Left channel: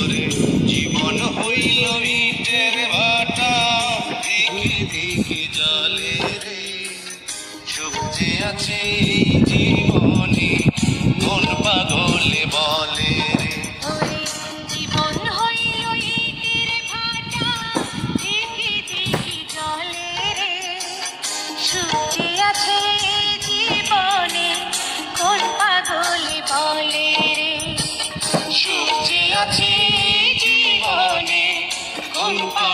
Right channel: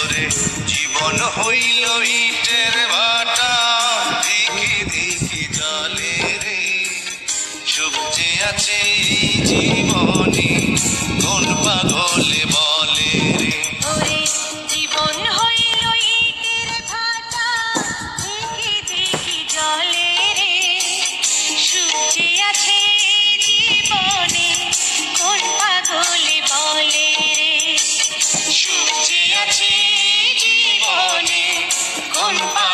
তোরে জীবন হইল ইটের ভাটা দেখে দেখে জলে রে সবচেয়ে আছে জীবনে। Oh.